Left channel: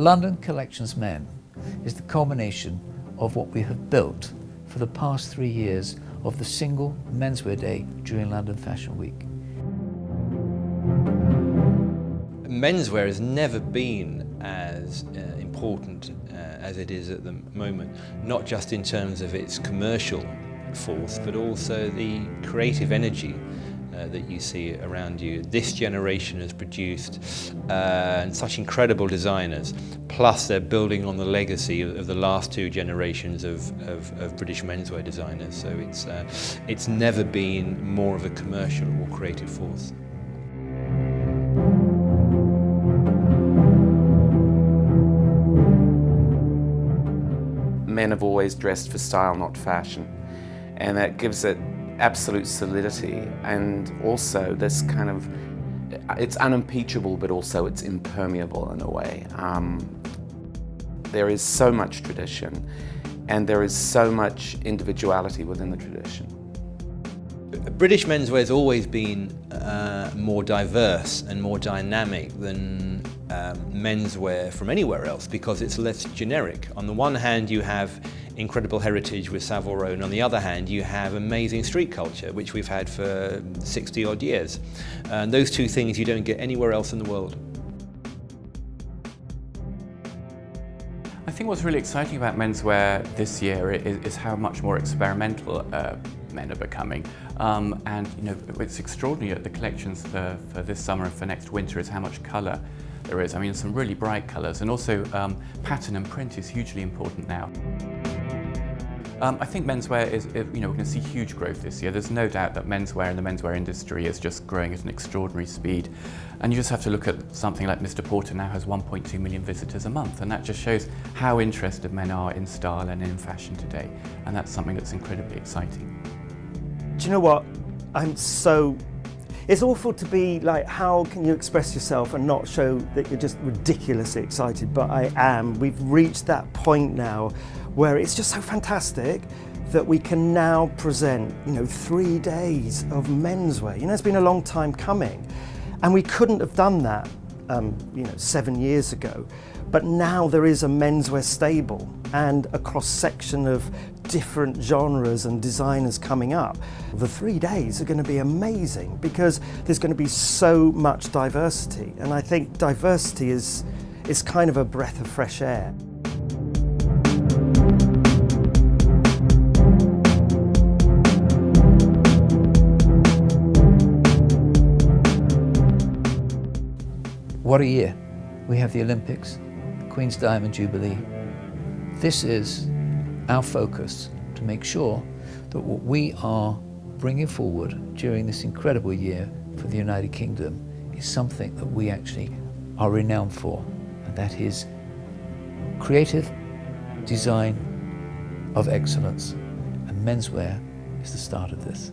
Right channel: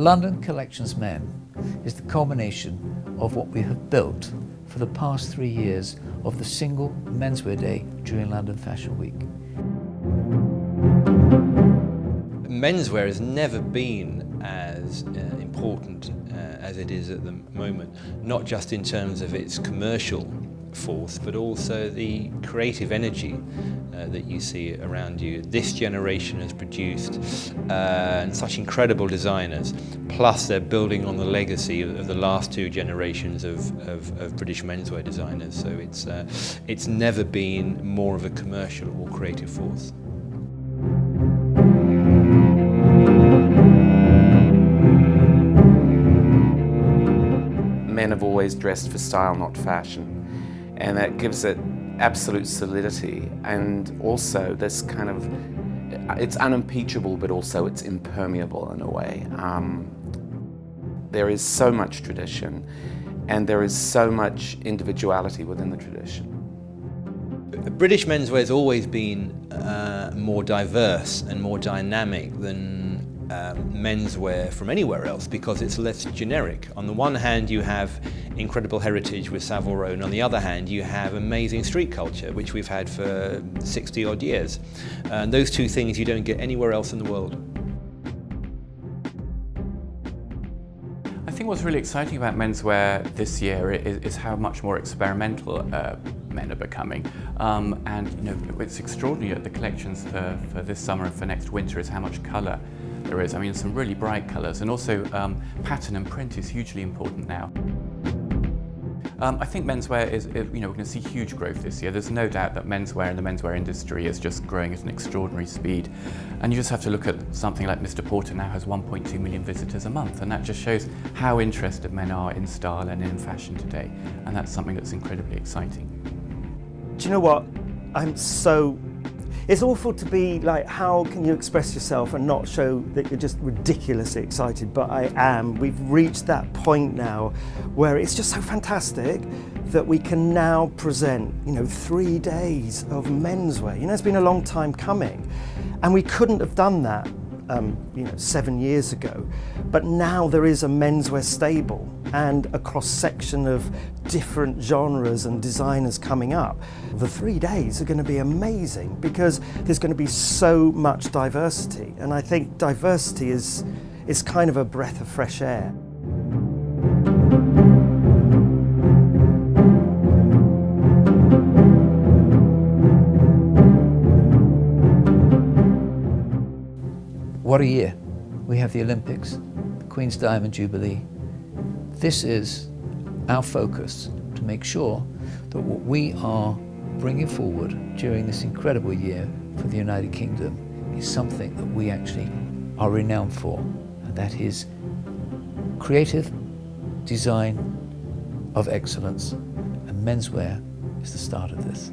London Collections Men is the culmination of what we have built for the past 3 years of the single menswear day during London Fashion Week. Menswear has never been as important as it is at the moment, not just in terms of its commercial force, but also the creative energy that you see around you. This generation has produced such incredible designers, plus they're building on the legacy of the last 2 generations of British menswear designers. So it's never been more of a commercial or creative force. Men have always dressed for style, not fashion, and that gives it absolute solidity, and also this kind of, it's unimpeachable, but also it's impermeable in a way. There is so much tradition, and there is so much individuality within the tradition. British menswear has always been more diverse and more dynamic than menswear from anywhere else because it's less generic. On the one hand you have incredible heritage with Savile Row, and on the other hand you have amazing street culture, which we've had for 60 odd years. And those 2 things you don't get anywhere else in the world. I think what's really exciting about menswear this year is how much more experimental men are becoming. And you know, it's extraordinary at the collections for this summer and for next winter is how much colour there is. I mean, some really bright colours, and also pattern and print is hugely important now. I think menswear is, you know, we're going to see huge growth this year. There's no doubt that menswear and the menswear industry is just growing at an extraordinary speed. And you just have to look at something like Mr. Porter now has 1.2 million visitors a month, and that just shows how interested men are in style and in fashion today. And that's something that's incredibly exciting. Do you know what? It's awful to be like, how can you express yourself and not show that you're just ridiculously excited, but I am. We've reached that point now where it's just so fantastic that we can now present, you know, 3 days of menswear. You know, it's been a long time coming, and we couldn't have done that, you know, 7 years ago. But now there is a menswear stable and a cross-section of different genres and designers coming up. The 3 days are going to be amazing because there's going to be so much diversity, and I think diversity is kind of a breath of fresh air. What a year. We have the Olympics, the Queen's Diamond Jubilee. This is our focus to make sure that what we are bringing forward during this incredible year for the United Kingdom is something that we actually are renowned for, and that is creative design of excellence, and menswear is the start of this.